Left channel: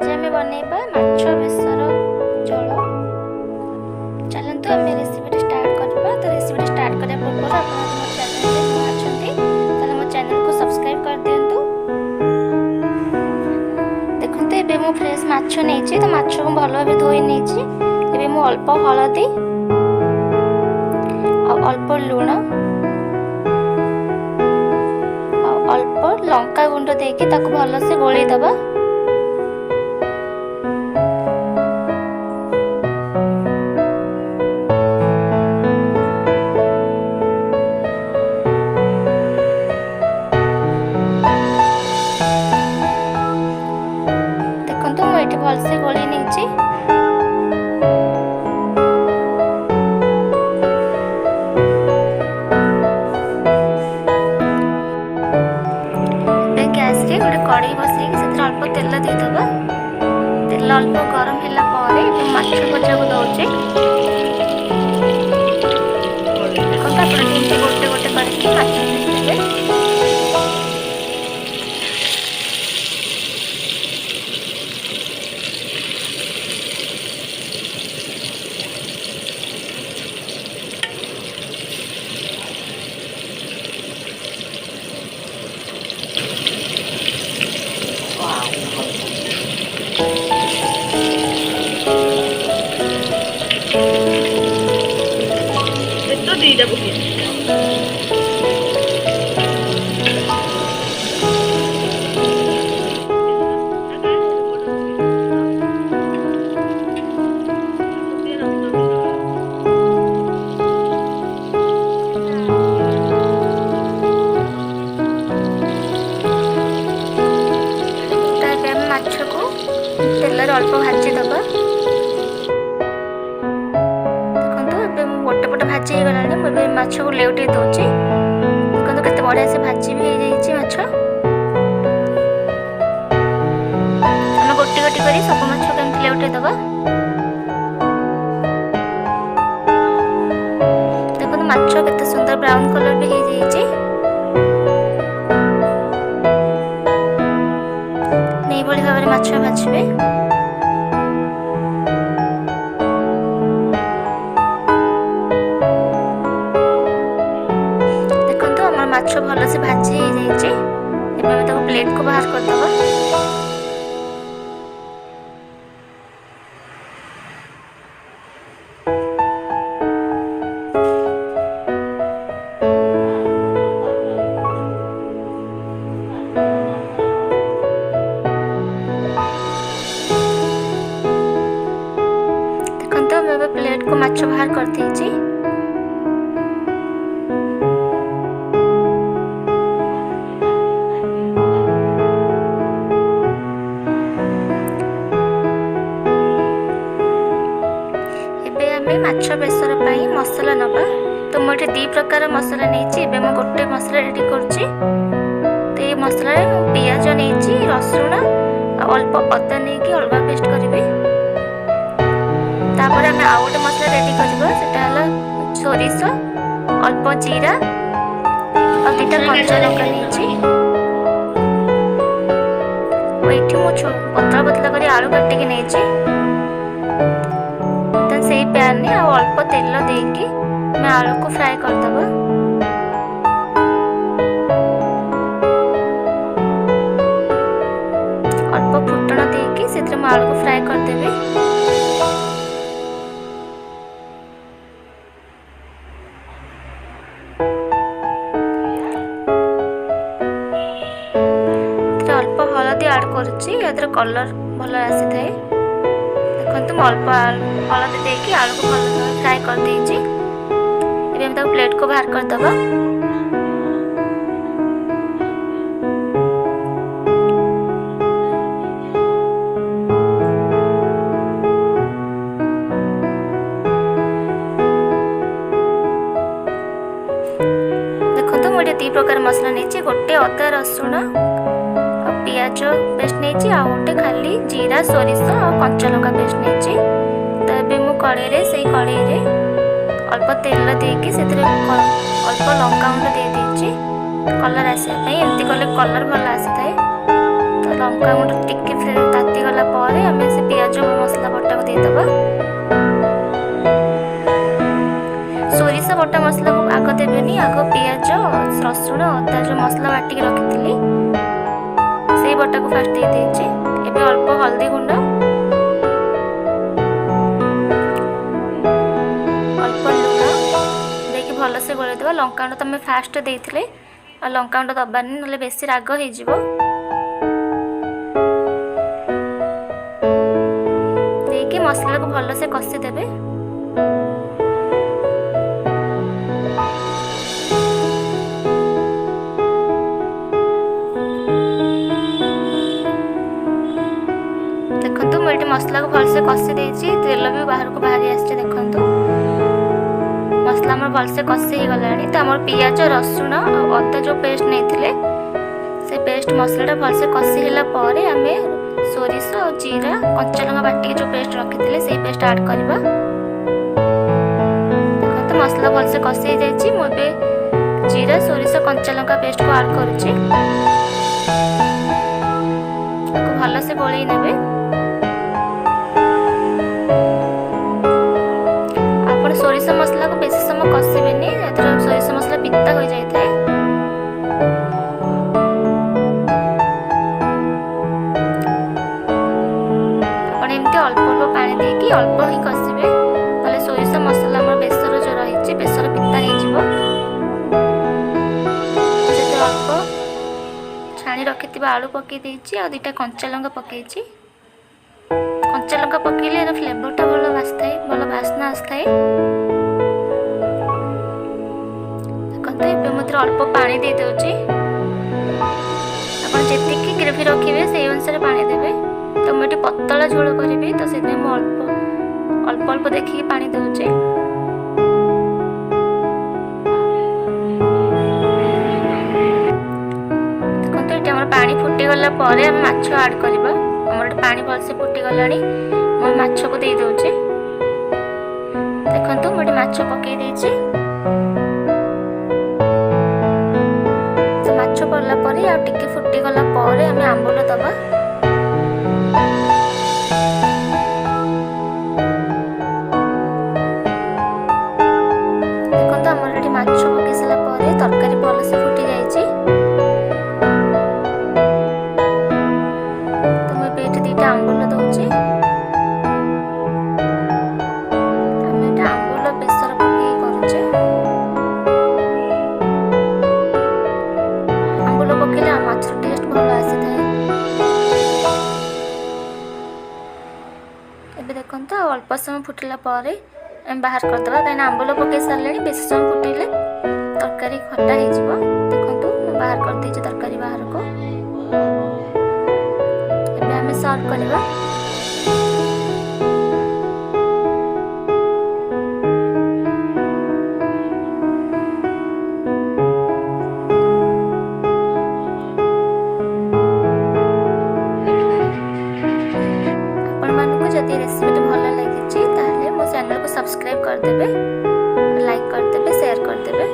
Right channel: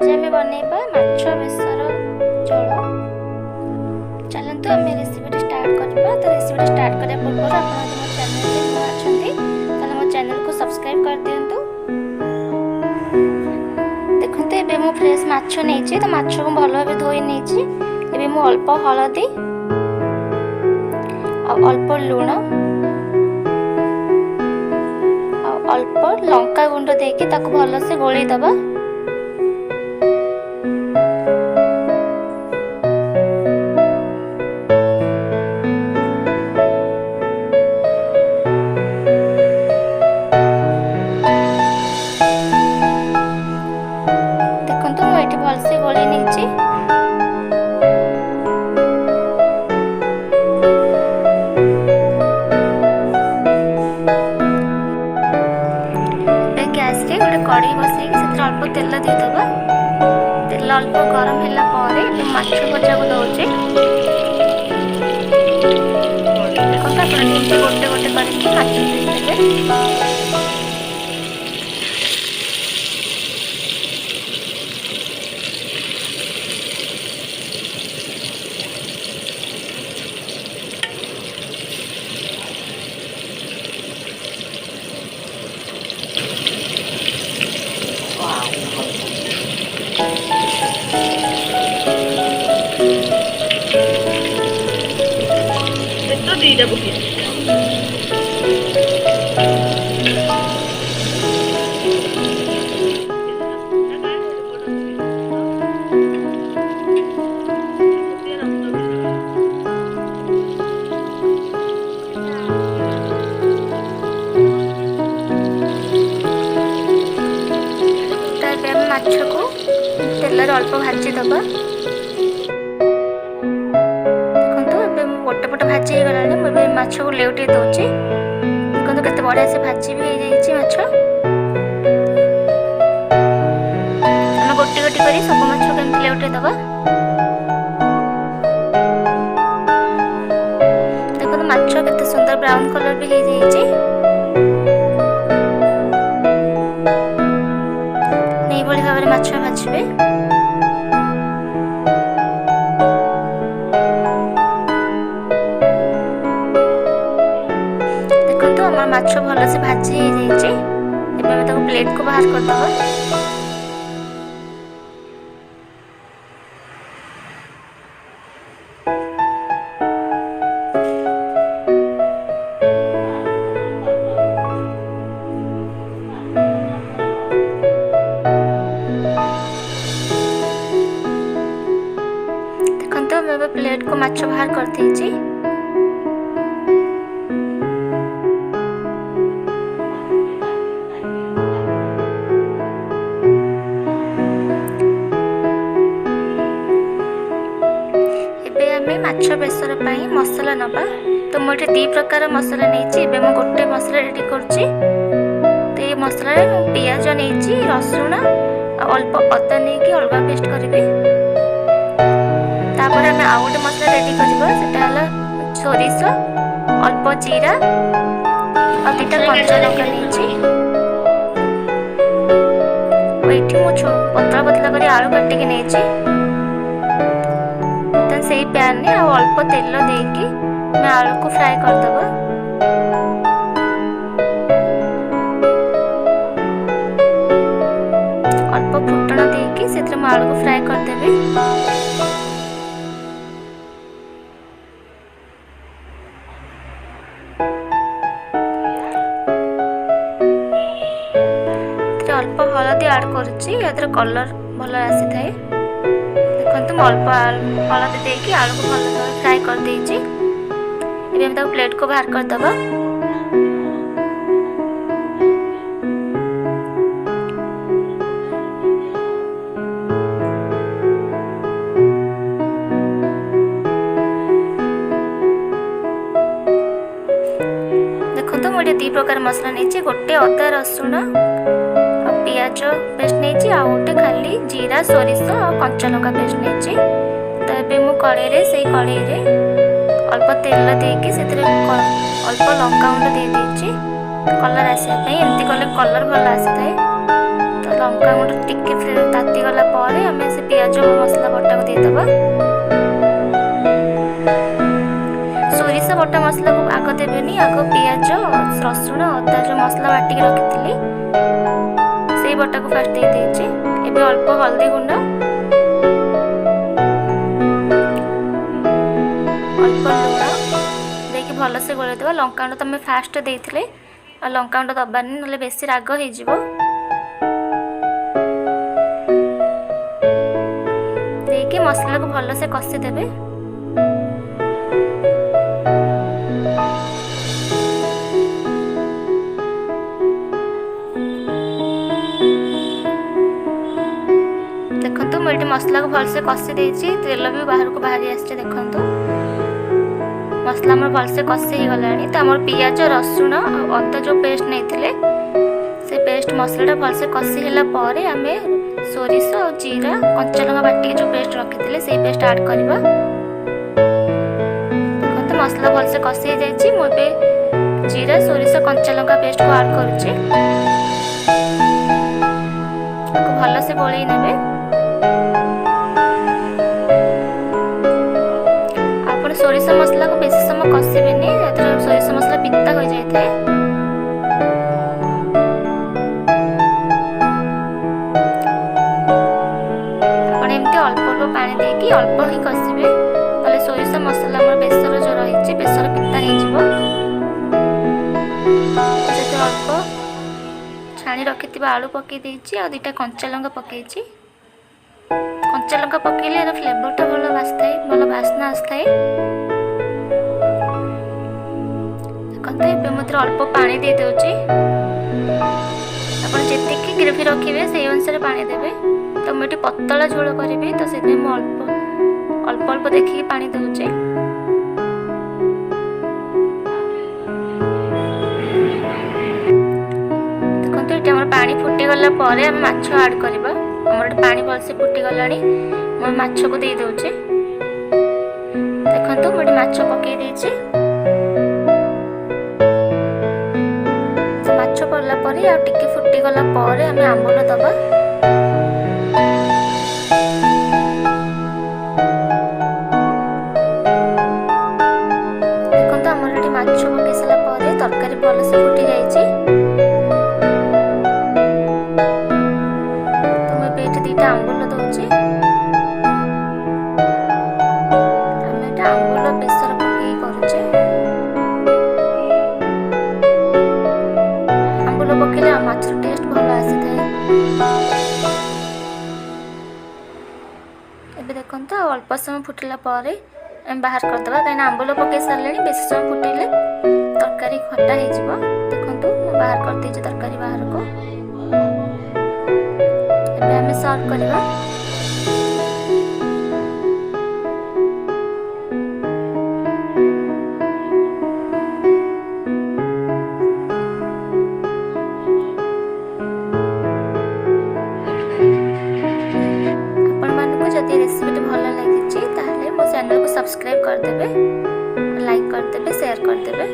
आज आम बनैबा माछ बेसर झोल। चलतु आम रेसिपी स्टार्ट करवा। तो रेसिपी स्टार्ट करने पूर्व आप मो चैनल नुआ अच्छा मो चैनल को सब्सक्राइब कर दिंतु। देखते ये मु फ्रेश माछ नहीं तो माछ को भल भाव धोई नहीं। ये मु अल्प हलदी अल्प लुण अल्प लंका गुंड देके ताको भल से गोली दबा। देखंतु मु एठी भल से गोली नेछि। गैस रे गोटे कढ़ई बसई से अल्प तेल देदबा। तेल अल्प गरम होला परे माछ भजा को दउचे। देखंतु आपण एमती गोटे गोटे करके माछ देबे। दीटा पके माछ को तेल अल्प भाजी दबा। गोटे पट भाजी हो गलानी मुझे माछ को लेउटे दउची। देखो केते बढ़िया से भाजी भी हो जाइए माछ। हम गोटी गोटी करी सब माछ को एमती लेउटे दबा। देखो माछ केते सुंदर ब्राउन कलर भी हो जाइए। नहीं भली भाव में माछ भाजबे। माछ भल से भाजी हो जाइए। प्लेट को बाहर कर दबा। देखो मैं प्लेट को माछ बाहर कर दीजिए। माछ बेसर पाई मसला नबा। तो मुझे दी प्रकार मसला नहीं। मैं गोटे मसला रेडी करुच्ची। तो ये मसला पियाज नहीं रसुण अल्प अदा नहीं अलग पेस्ट करी। तापर आम आउ गोटे मसला रेडी करवा। सोरिष अल्प जीरा और दुटा कंचा लंका नहीं। मुझे पतला पतला कर आलू काटिक नहीं। से पैन में अल्प तेल देकी मैं आलू को फ्राई करदबा। अल्प फुटण देकी से आलू को फ्राई करदेवी। अल्प हलदी ऐड करुच्ची। या कलर भल आसी थाए। देखो मैं अल्प हलदी देकी आलू को भल फ्राई कर देइछि। एबे हम ताको प्लेट को बाहर कर दबा। देखो मुझे दी प्रकार मसला नहीं। गोटे अदा रसुण पियाज पेस्ट नहीं। आ गोटे खाली जीरा सोरिष और कंचा लंका पेस्ट नहीं। तो ये मु कड़े से कड़े अल्प तेल देकी से अल्प लंका गुंड दे देछि। कलर आसापी एमती कले कलर भल आसी थाए। तो लंका गुंड टिके ताती गला आम से पियाज मसला बटा को देदेबा। सोरिष बटा मसला को आग देवेनि, आग पियाज रसुण अदा जो मसला बाटिक रखी से बटा को फास्ट दे देछि। एबे अल्प हल्दी गुंड, अल्प लुण देकी भल से गोल देवा। लंका गुंड तुम फास्ट देइथिले आ लंका गुंड दबानी नले बेसी राग हो जिवो। देकी मसला को भल से कसी देबे। देखो मुझे मसला को भलसे कसी देछि, तेल भी बाहर को बाहरी आछे। देखो मसला भल से कसी हो गला। तो आम पियाज रसुण और अदा जो पेस्ट नहीं थिले से पेस्ट मसला भल से कसी होला परे आम सोरिष और जीरा कंचा लंका बाटी जो पेस्ट रखी से पेस्ट ऐड करवा। देखो तो मसला भल से कसी हो जाइए। मुझे जीरा सोरिष कंचा लंका पेस्ट को ऐड करुच्ची। भल से गोलई नेबे। सोरिष मसला को बेसी समय कषिबेनि, सोरिष मसला पिता हो जाए। आपण एमती अल्प अल्प पानी देकी अल्प ही कषिबे, नले सोरिष मसला हमर बेसर जो रही बेसर पिता हो जिवो। जदि अल्प छाणी रखि आलू पकई देछि आ दुटा कंचा लंका पकईछि। कंचा लंका पकईले फ्लेवरटा भल बासथाए, भल बास्ना आसथाए। देखते ये अल्प पानी दे दूची। आपन जेतिकी ग्रेवी रखिए से अनुसार पानी देवे। तो मुझे पतला झोल करी तो से अल्प अल्प अल्प देखिए पानी दूची। देखते ये पानी फुटी गला आम माछ ऐड करवा। आमर पानी भलसे फुटी गलानी, मैं माछ को दे दूची। देखो मुझे माछ पकई देछि। माछ पड़ला परे आ टिके फुटी गला परे आम आंबुल दबा। देखो आमर ये माछ पकई सारा परे तरकारी भल से फुटी जाइए। तो मुझे ये दुटा आंबुल दौची। आम ये आंबुल बेसर पकई करुचे। पकईले माछ टेस्ट भल आसी थाए। एबे देखंतो अल्प समय फुटिला परे हम बाहर करदबा, कहीं आंबुल पकई सारे बेसी समय फुटिले तरकारी खट्टा हो जिवो। देखंतो मैं बाहर कर देछि तरकारी बाहर को। एबे हमें सर्व करबा। जदि रेसिपी भल लगी ताहले मो चैनल को सब्सक्राइब करदेबे, लाइक करदेबे, शेयर करदेबे।